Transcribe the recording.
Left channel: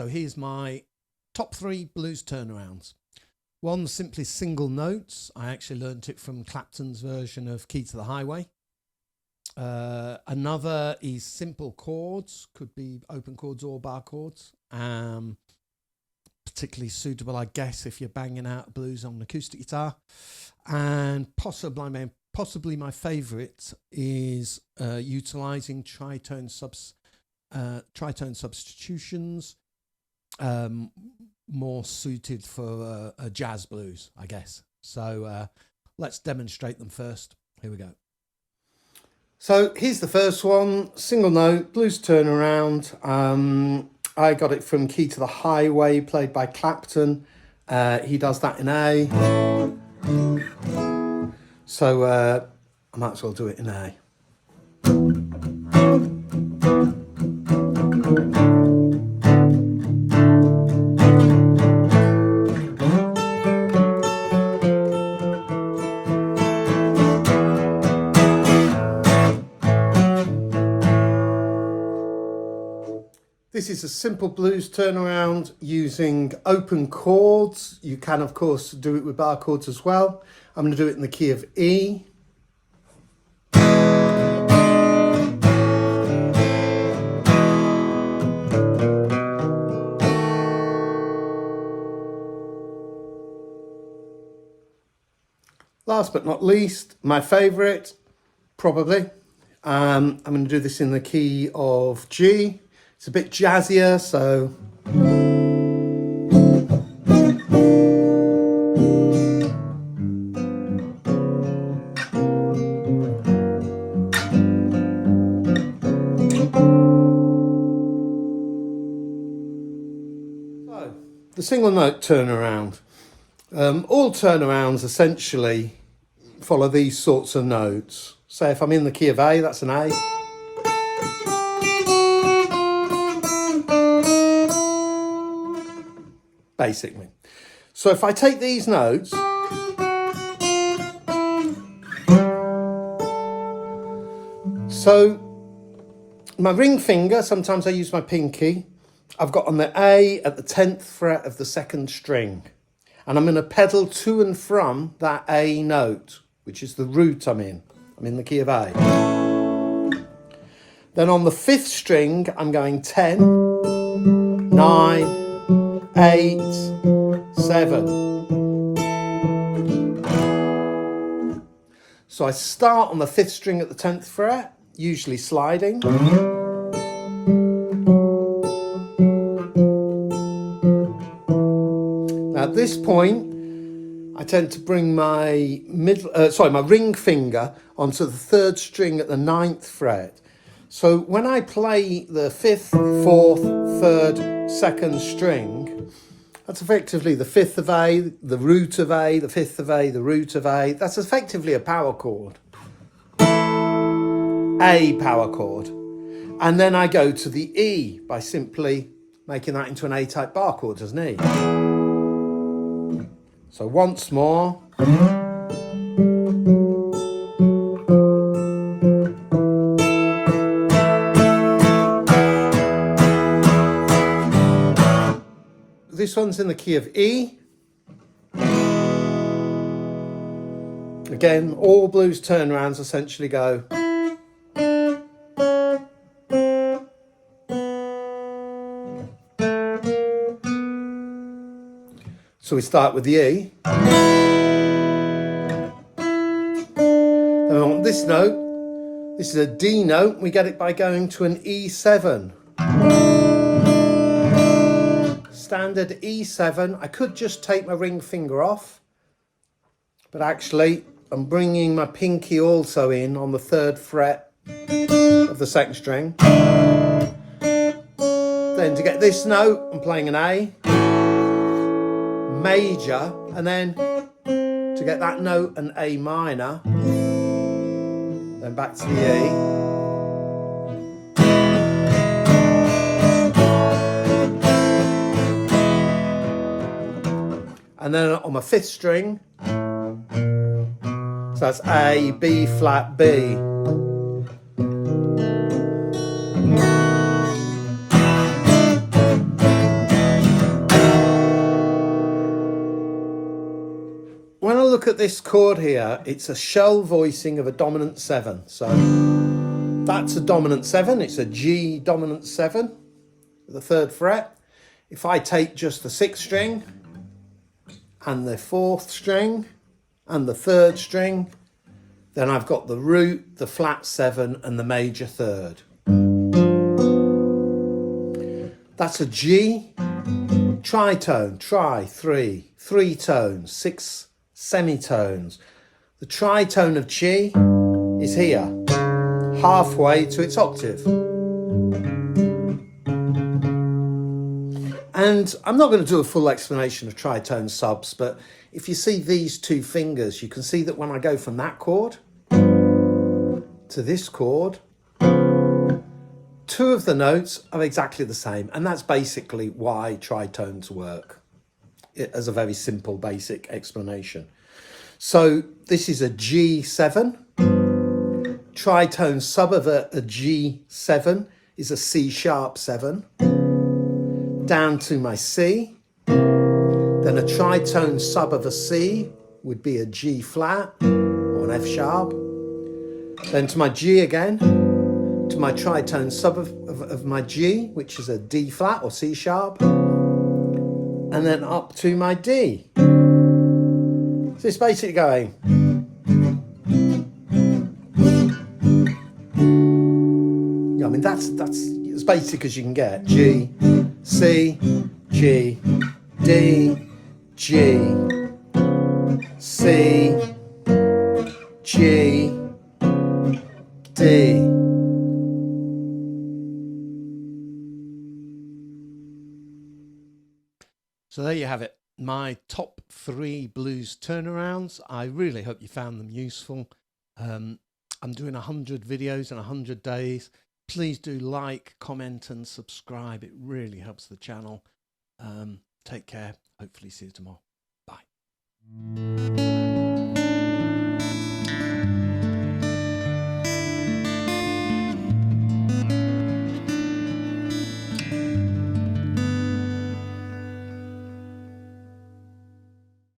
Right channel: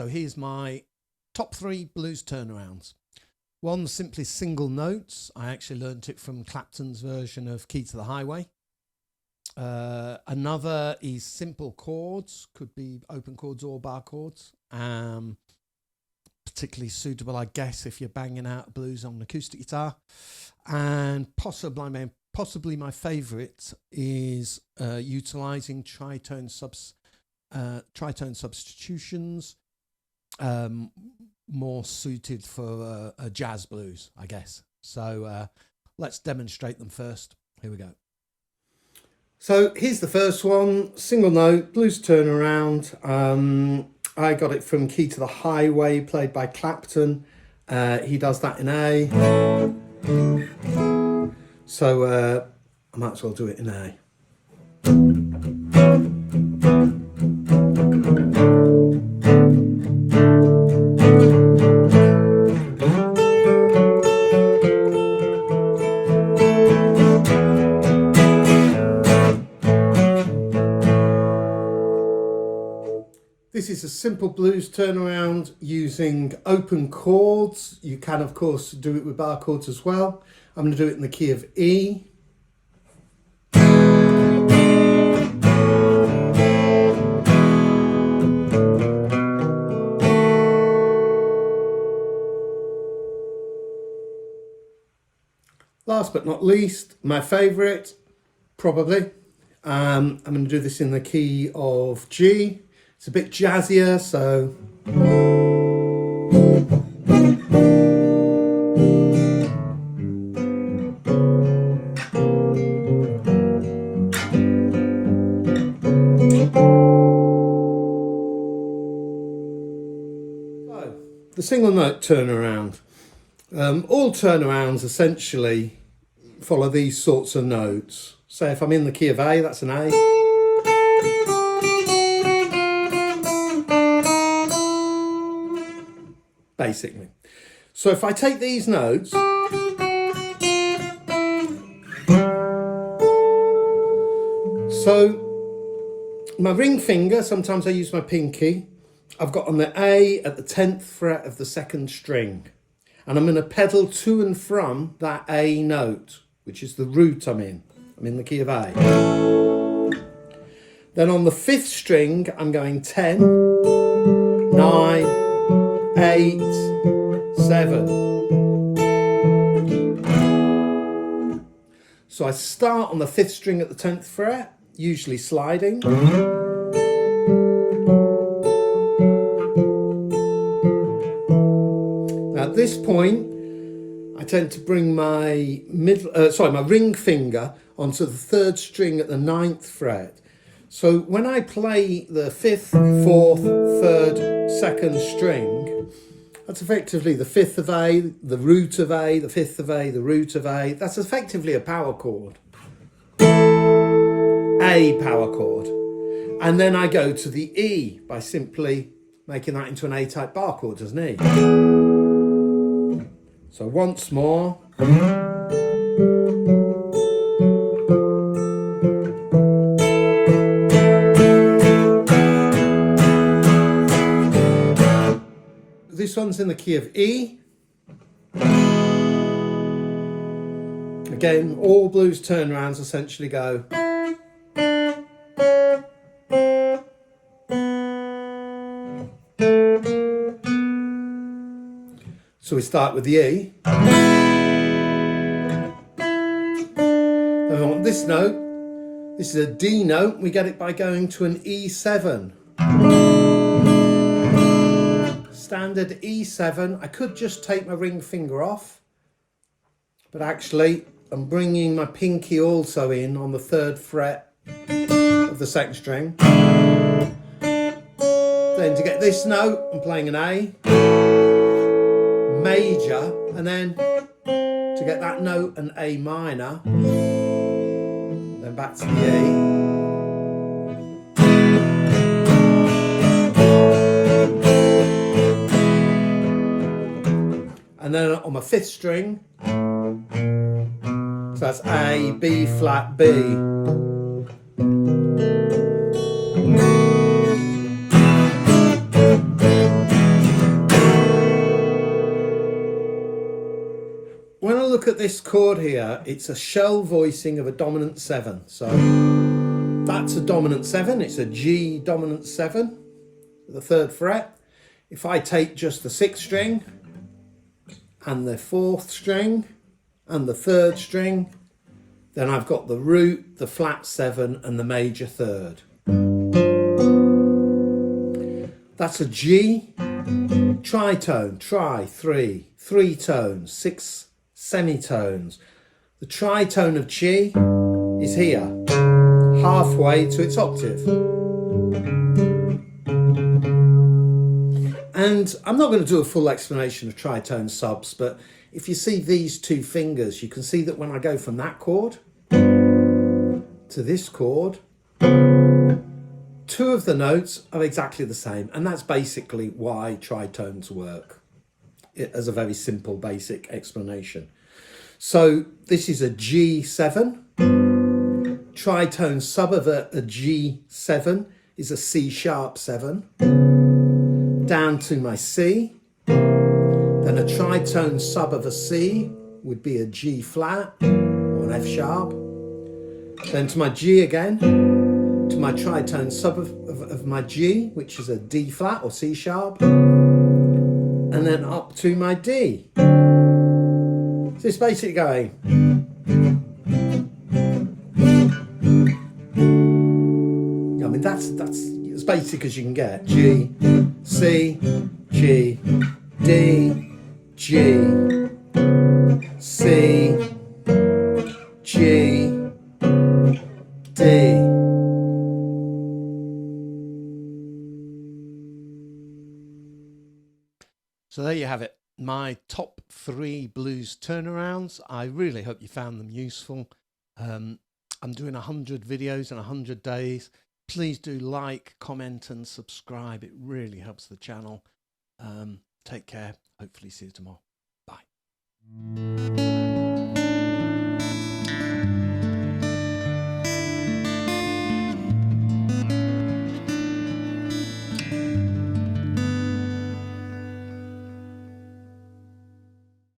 So here's my top 3 blues turnarounds. One, simply single notes. I actually learnt it from Clapton's version of Key to the Highway. Another is simple chords, could be open chords or bar chords. Particularly suitable, I guess, if you're banging out blues on an acoustic guitar. And possibly my favourite is utilising tritone substitutions, more suited for a jazz blues, I guess. So let's demonstrate them first. Here we go. So here's the first one, single note, blues turnaround. I got it from Key to the Highway, played by Clapton. He does that in A. So I might as well do it in A. This is a simple blues turnaround using open chords. You can, of course, do it with bar chords as well. I'm going to do it in the key of E. Last but not least, my favourite, probably. I'm going to do this in the key of G. It's a bit jazzier, so... So, the single note turnaround. All turnarounds essentially follow these sorts of notes. Say if I'm in the key of A, that's an A. Basically. So if I take these notes, so my ring finger, sometimes I use my pinky, I've got on the A at the 10th fret of the 2nd string, and I'm going to pedal to and from that A note, which is the root I'm in the key of A. Then on the 5th string, I'm going 10, 9, 8, 7. So I start on the 5th string at the 10th fret, usually sliding. Now at this point, I tend to bring my my ring finger onto the 3rd string at the 9th fret. So when I play the 5th, 4th, 3rd, 2nd string, that's effectively the 5th of A, the root of A, the 5th of A, the root of A. That's effectively a power chord. A power chord. And then I go to the E by simply making that into an A-type bar chord, doesn't it? So once more. This one's in the key of E. Again, all blues turnarounds essentially go. So we start with the E. And on this note, this is a D note. We get it by going to an E7. Standard E7. I could just take my ring finger off, but actually I'm bringing my pinky also in on the 3rd fret of the 2nd string. Then to get this note, I'm playing an A major, and then to get that note, an A minor, then back to the E. And then on my 5th string, so that's A, B flat, B. look at this chord here, it's a shell voicing of a dominant 7. So that's a dominant 7, it's a G dominant 7, the 3rd fret. If I take just the 6th string and the 4th string and the 3rd string, then I've got the root, the flat 7 and the major 3rd. That's a G, tritone, tri, 3, 3 tones, 6 semitones. The tritone of G is here, halfway to its octave. And I'm not going to do a full explanation of tritone subs, but if you see these 2 fingers, you can see that when I go from that chord to this chord, 2 of the notes are exactly the same, and that's basically why tritones work, as a very simple basic explanation. So this is a G7, tritone sub of a G7 is a C sharp 7, down to my C, then a tritone sub of a C would be a G flat or an F sharp, then to my G again, to my tritone sub of my G, which is a D flat or C sharp, and then up to my D. So it's basically going. I mean, that's as basic as you can get. G, C, G, D, G, C, G, D. So there you have it, my top 3 blues turnarounds. I really hope you found them useful. I'm doing 100 videos in 100 days. Please do like, comment and subscribe. It really helps the channel. Take care. Hopefully see you tomorrow. Bye.